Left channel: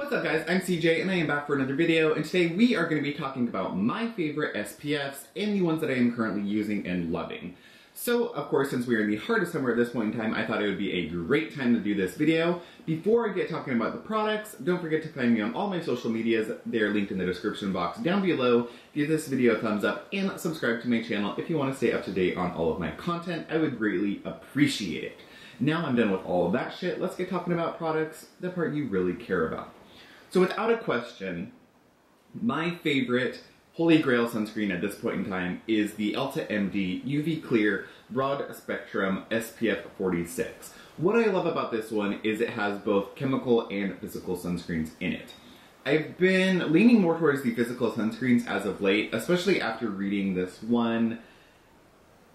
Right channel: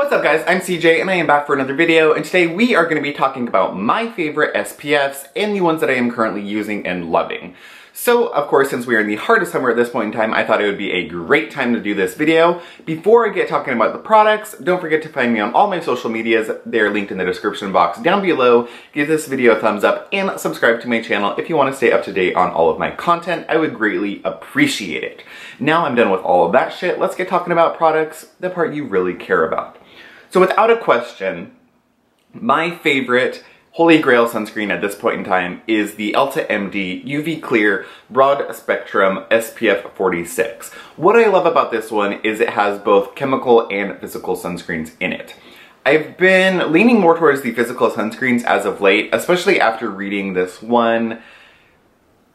What's up guys, I'm CJ and I am back for another video, and today we are going to be talking about my favorite SPFs and the ones that I am currently using and loving. So of course, since we are in the heart of summer at this point in time, I thought it would be a great time to do this video. Before I get talking about the products, don't forget to find me on all my social medias. They are linked in the description box down below. Give this video a thumbs up and subscribe to my channel if you want to stay up to date on all of my content. I would greatly appreciate it. Now I'm done with all of that shit, let's get talking about products, the part you really care about. So without a question, my favorite Holy Grail sunscreen at this point in time is the Elta MD UV Clear Broad Spectrum SPF 46. What I love about this one is it has both chemical and physical sunscreens in it. I've been leaning more towards the physical sunscreens as of late, especially after reading this one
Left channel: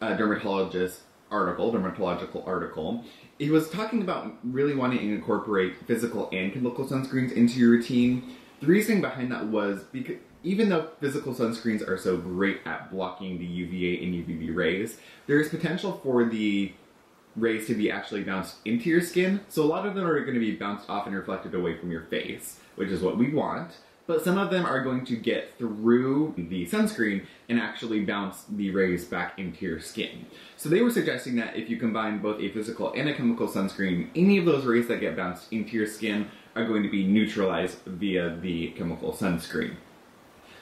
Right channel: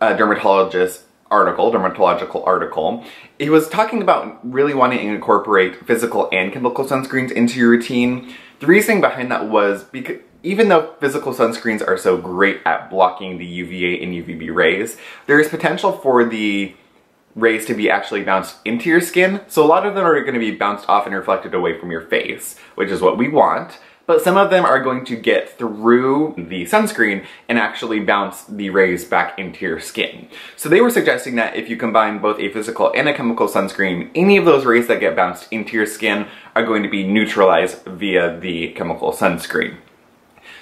dermatological article. He was talking about really wanting to incorporate physical and chemical sunscreens into your routine. The reasoning behind that was because even though physical sunscreens are so great at blocking the UVA and UVB rays, there is potential for the rays to be actually bounced into your skin. So a lot of them are going to be bounced off and reflected away from your face, which is what we want. But some of them are going to get through the sunscreen and actually bounce the rays back into your skin. So they were suggesting that if you combine both a physical and a chemical sunscreen, any of those rays that get bounced into your skin are going to be neutralized via the chemical sunscreen.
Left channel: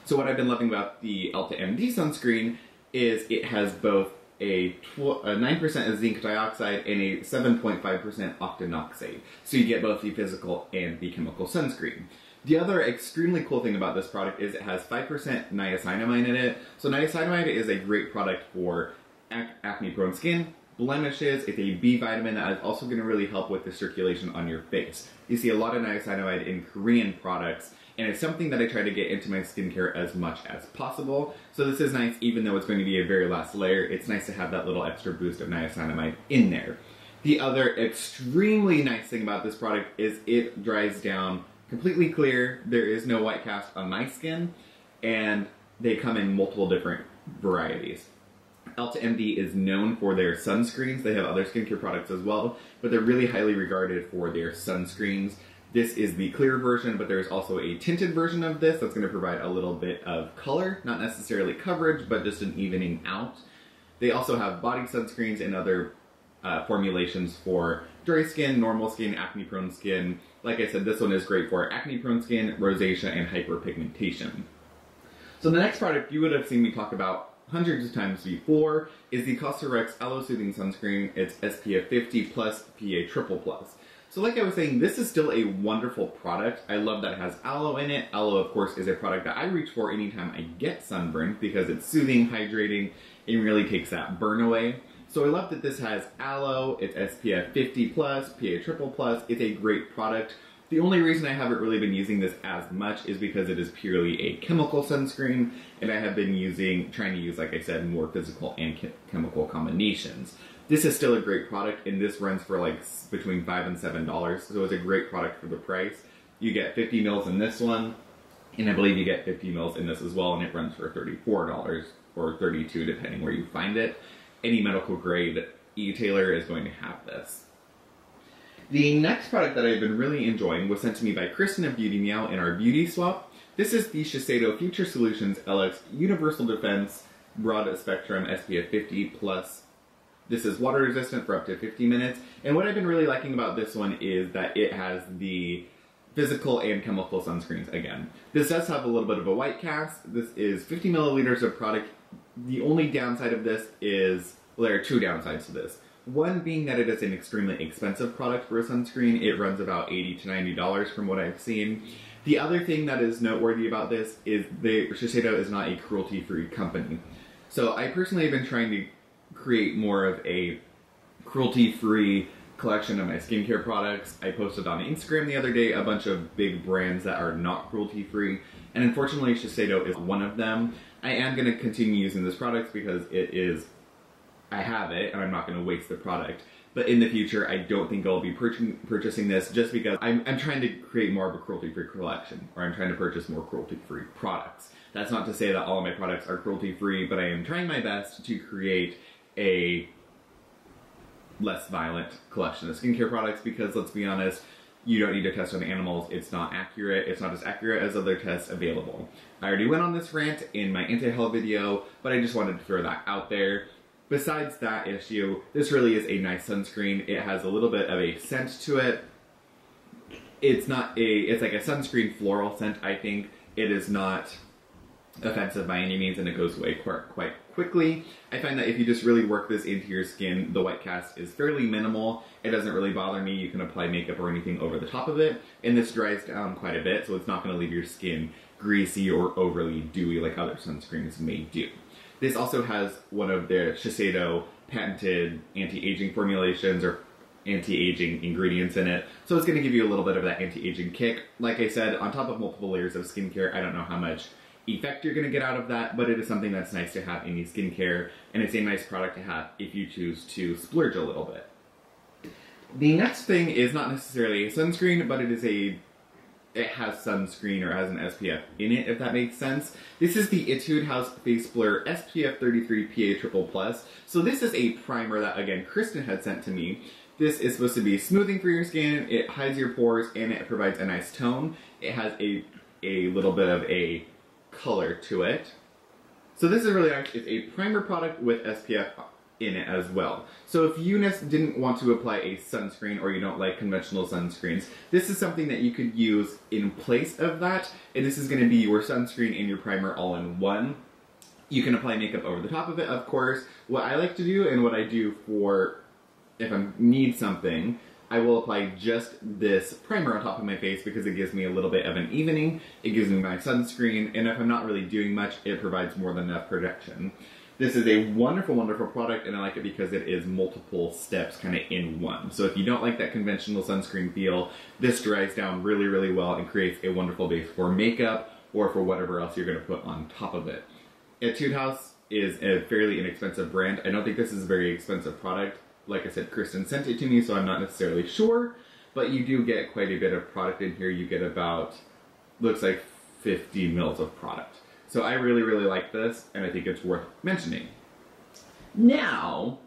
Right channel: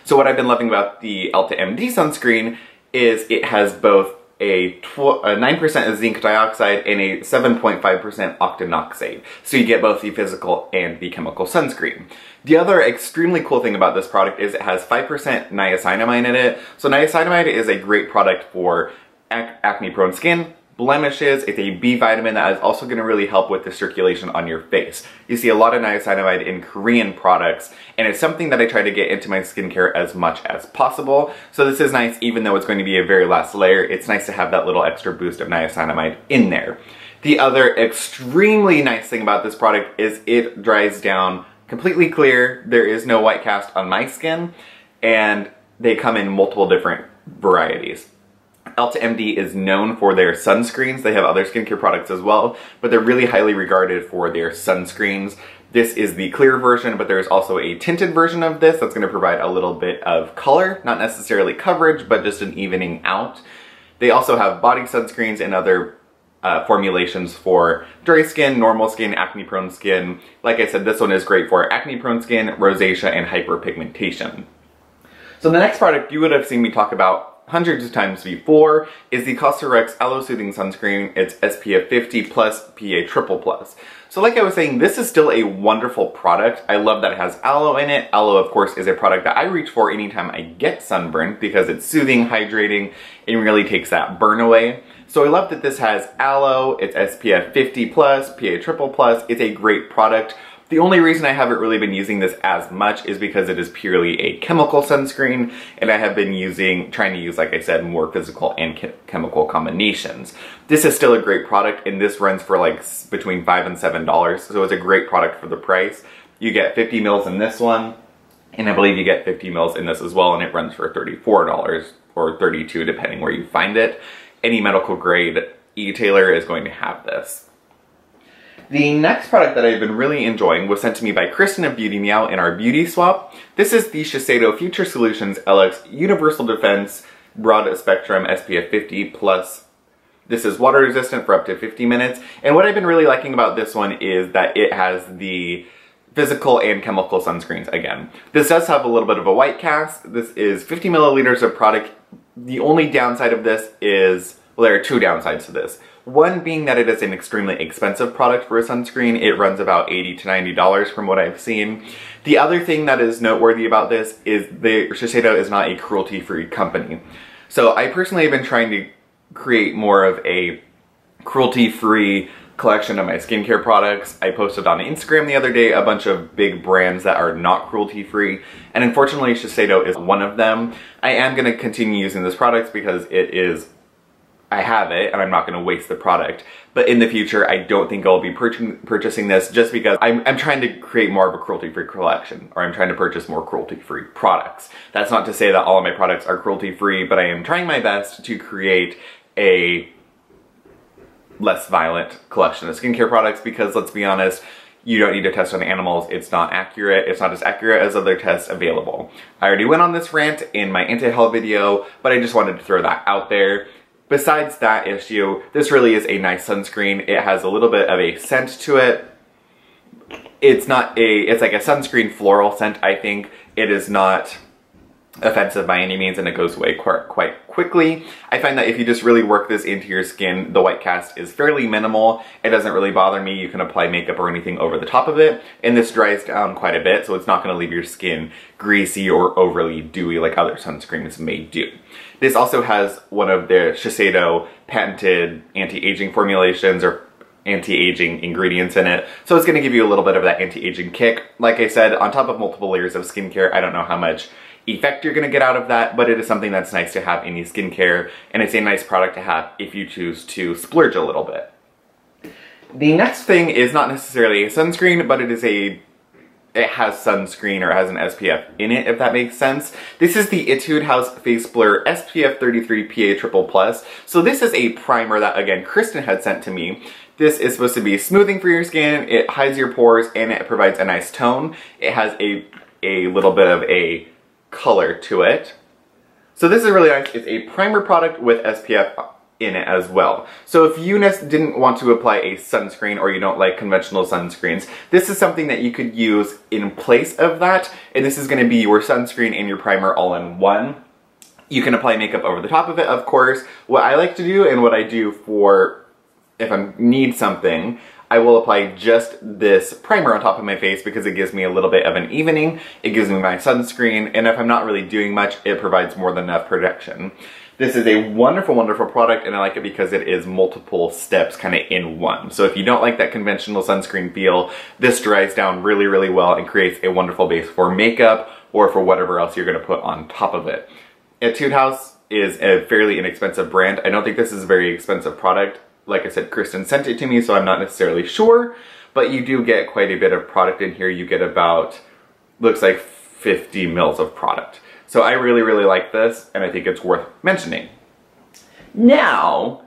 So what I've been loving about the Elta MD sunscreen is it has both a 9% zinc dioxide and a 7.5% octinoxate. So you get both the physical and the chemical sunscreen. The other extremely cool thing about this product is it has 5% niacinamide in it. So niacinamide is a great product for acne-prone skin, blemishes. It's a B vitamin that is also going to really help with the circulation on your face. You see a lot of niacinamide in Korean products, and it's something that I try to get into my skincare as much as possible. So this is nice, even though it's going to be a very last layer. It's nice to have that little extra boost of niacinamide in there. The other extremely nice thing about this product is it dries down completely clear. There is no white cast on my skin, and they come in multiple different varieties. Elta MD is known for their sunscreens. They have other skincare products as well, but they're really highly regarded for their sunscreens. This is the clear version, but there's also a tinted version of this that's going to provide a little bit of color, not necessarily coverage, but just an evening out. They also have body sunscreens and other formulations for dry skin, normal skin, acne-prone skin. Like I said, this one is great for acne-prone skin, rosacea, and hyperpigmentation. So the next product you would have seen me talk about hundreds of times before is the Cosrx Aloe Soothing Sunscreen. It's SPF 50 plus PA triple plus. So like I was saying, this is still a wonderful product. I love that it has aloe in it. Aloe, of course, is a product that I reach for anytime I get sunburn because it's soothing, hydrating, and really takes that burn away. So I love that this has aloe, it's SPF 50 plus, PA triple plus. It's a great product. The only reason I haven't really been using this as much is because it is purely a chemical sunscreen, and I have been trying to use, like I said, more physical and chemical combinations. This is still a great product, and this runs for like between $5 and $7, so it's a great product for the price. You get 50 mils in this one, and I believe you get 50 mils in this as well, and it runs for $34 or $32 depending where you find it. Any medical grade e-tailer is going to have this. The next product that I've been really enjoying was sent to me by Cristiano Beauty Meow in our beauty swap. This is the Shiseido Future Solutions LX Universal Defense Broad Spectrum SPF 50 plus. This is water resistant for up to 50 minutes. And what I've been really liking about this one is that it has the physical and chemical sunscreens again. This does have a little bit of a white cast. This is 50 milliliters of product. The only downside of this is, well, there are two downsides to this. One being that it is an extremely expensive product for a sunscreen. It runs about $80 to $90 from what I've seen. The other thing that is noteworthy about this is Shiseido is not a cruelty-free company. So I personally have been trying to create more of a cruelty-free collection of my skincare products. I posted on Instagram the other day a bunch of big brands that are not cruelty-free, and unfortunately Shiseido is one of them. I am going to continue using this product because I have it and I'm not going to waste the product. But in the future, I don't think I'll be purchasing this just because I'm trying to create more of a cruelty-free collection, or I'm trying to purchase more cruelty-free products. That's not to say that all of my products are cruelty-free, but I am trying my best to create a less violent collection of skincare products because, let's be honest, you don't need to test on animals, it's not accurate, it's not as accurate as other tests available. I already went on this rant in my anti-haul video, but I just wanted to throw that out there. Besides that issue, this really is a nice sunscreen. It has a little bit of a scent to it. It's like a sunscreen floral scent, I think. It is not offensive by any means, and it goes away quite quickly. I find that if you just really work this into your skin, the white cast is fairly minimal. It doesn't really bother me. You can apply makeup or anything over the top of it, and this dries down quite a bit, so it's not going to leave your skin greasy or overly dewy like other sunscreens may do. This also has one of the Shiseido patented anti-aging formulations or anti-aging ingredients in it, so it's going to give you a little bit of that anti-aging kick. Like I said, on top of multiple layers of skincare, I don't know how much effect you're going to get out of that, but it is something that's nice to have in your skincare, and it's a nice product to have if you choose to splurge a little bit. The next thing is not necessarily a sunscreen, but it has sunscreen, or it has an SPF in it, if that makes sense. This is the Etude House Face Blur SPF 33 PA+++. So this is a primer that, again, Kristen had sent to me. This is supposed to be smoothing for your skin, it hides your pores, and it provides a nice tone. It has a little bit of a color to it. So this is really nice. It's a primer product with SPF in it as well. So if you didn't want to apply a sunscreen, or you don't like conventional sunscreens, this is something that you could use in place of that, and this is going to be your sunscreen and your primer all in one. You can apply makeup over the top of it, of course. What I like to do, and what I do for if I need something, I will apply just this primer on top of my face because it gives me a little bit of an evening, it gives me my sunscreen, and if I'm not really doing much, it provides more than enough protection. This is a wonderful, wonderful product, and I like it because it is multiple steps kind of in one. So if you don't like that conventional sunscreen feel, this dries down really, really well and creates a wonderful base for makeup or for whatever else you're going to put on top of it. Etude House is a fairly inexpensive brand. I don't think this is a very expensive product. Like I said, Kristen sent it to me, so I'm not necessarily sure, but you do get quite a bit of product in here. You get about, looks like 50 mils of product. So I really, really like this, and I think it's worth mentioning. Now,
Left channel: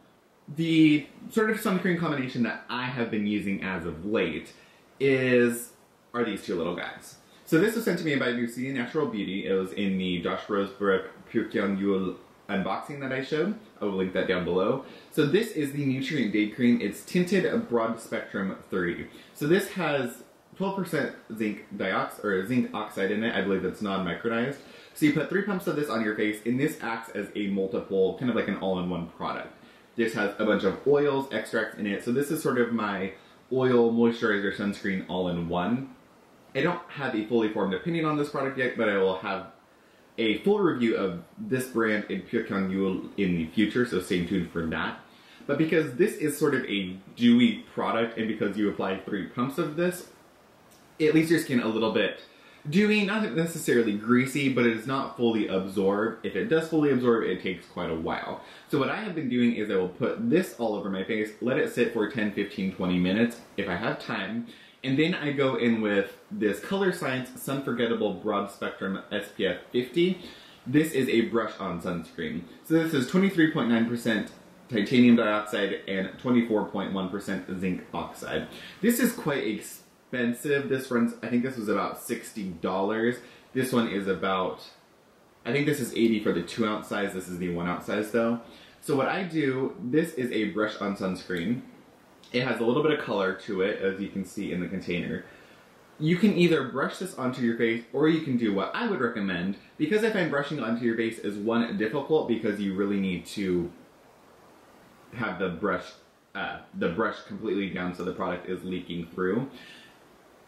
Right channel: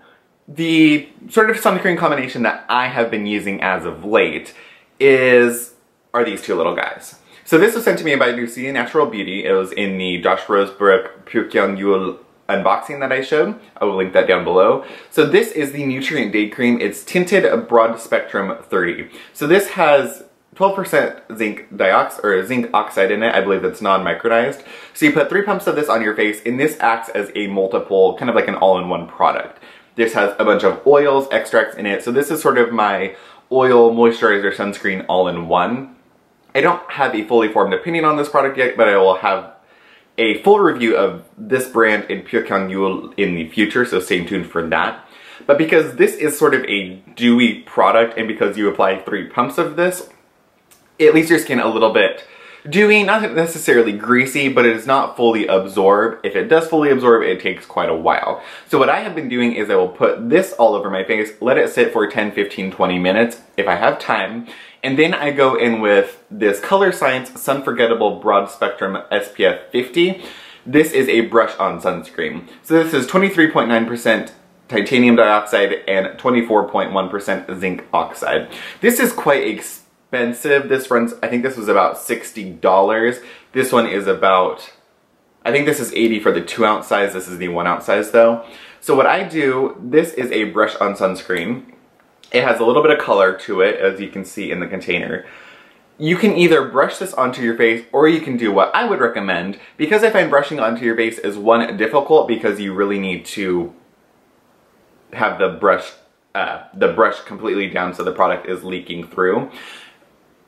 the sort of sunscreen combination that I have been using as of late are these two little guys. So this was sent to me by Cristiano Beauty. It was in the Josh Rosebrook Pyeongyul unboxing that I showed. I will link that down below. So this is the Nutrient Day Cream. It's Tinted Broad Spectrum 30. So this has 12% zinc oxide in it. I believe it's non-micronized. So you put 3 pumps of this on your face, and this acts as a multiple, kind of like an all-in-one product. This has a bunch of oils, extracts in it. So this is sort of my oil, moisturizer, sunscreen all-in-one. I don't have a fully formed opinion on this product yet, but I will have a full review of this brand in Pyeongyul in the future, so stay tuned for that. But because this is sort of a dewy product, and because you apply 3 pumps of this, it leaves your skin a little bit dewy, not necessarily greasy, but it does not fully absorb. If it does fully absorb, it takes quite a while. So what I have been doing is I will put this all over my face, let it sit for 10, 15, 20 minutes if I have time, and then I go in with this Colorescience Sunforgettable Broad Spectrum SPF 50. This is a brush-on sunscreen. So this is 23.9% titanium dioxide and 24.1% zinc oxide. This is quite expensive. This runs, I think this was about $60. This one is about, I think this is $80 for the 2-ounce size. This is the 1-ounce size though. So what I do, this is a brush-on sunscreen. It has a little bit of color to it, as you can see in the container. You can either brush this onto your face, or you can do what I would recommend, because I find brushing onto your face is, one, difficult because you really need to have the brush completely down so the product is leaking through.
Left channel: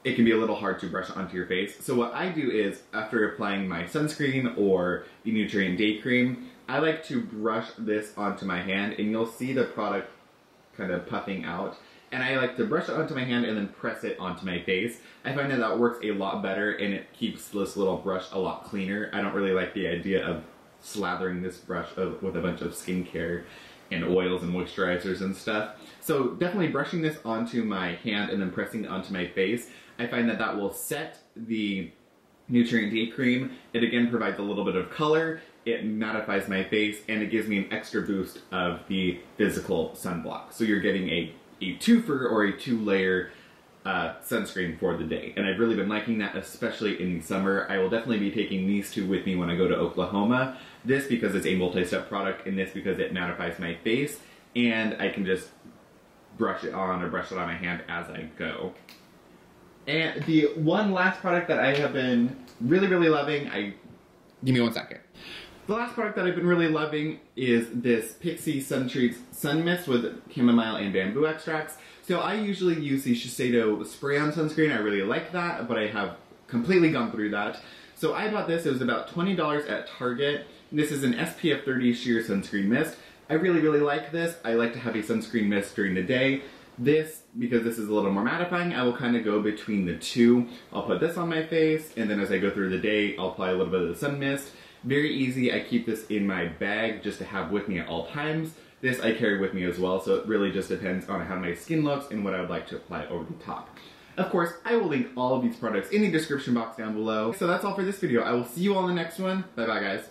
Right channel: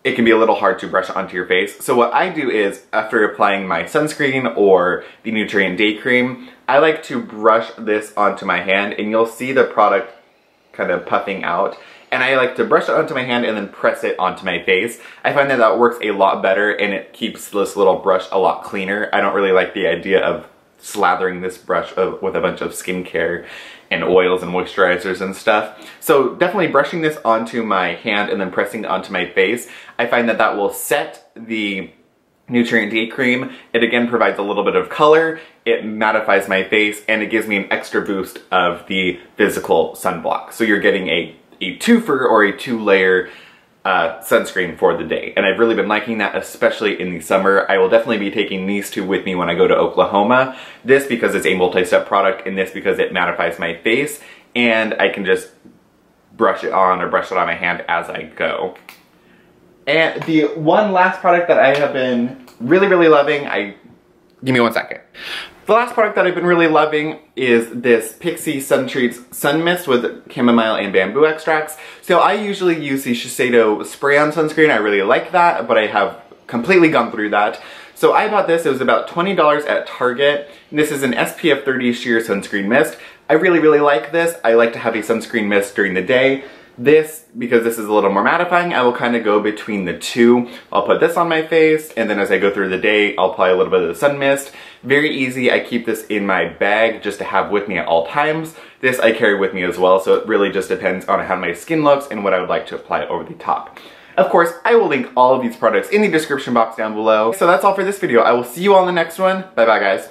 It can be a little hard to brush onto your face. So what I do is, after applying my sunscreen or the Nutrient Day Cream, I like to brush this onto my hand, and you'll see the product kind of puffing out. And I like to brush it onto my hand and then press it onto my face. I find that that works a lot better, and it keeps this little brush a lot cleaner. I don't really like the idea of slathering this brush with a bunch of skincare and oils and moisturizers and stuff. So definitely brushing this onto my hand and then pressing it onto my face, I find that that will set the Nutrient Day Cream. It again provides a little bit of color, it mattifies my face, and it gives me an extra boost of the physical sunblock. So you're getting a twofer or a 2-layer sunscreen for the day. And I've really been liking that, especially in the summer. I will definitely be taking these two with me when I go to Oklahoma. This because it's a multi-step product, and this because it mattifies my face, and I can just brush it on or brush it on my hand as I go. And the one last product that I have been really loving, give me one second. The last product that I've been really loving is this Pixi Suntreats Sun Mist with chamomile and bamboo extracts. So I usually use the Shiseido spray-on sunscreen. I really like that, but I have completely gone through that. So I bought this. It was about $20 at Target. And this is an SPF 30 sheer sunscreen mist. I really like this. I like to have a sunscreen mist during the day. This, because this is a little more mattifying, I will kind of go between the two. I'll put this on my face, and then as I go through the day, I'll apply a little bit of the sun mist. Very easy. I keep this in my bag just to have with me at all times. This I carry with me as well, so it really just depends on how my skin looks and what I would like to apply over the top. Of course, I will link all of these products in the description box down below. So that's all for this video. I will see you all in the next one. Bye bye, guys.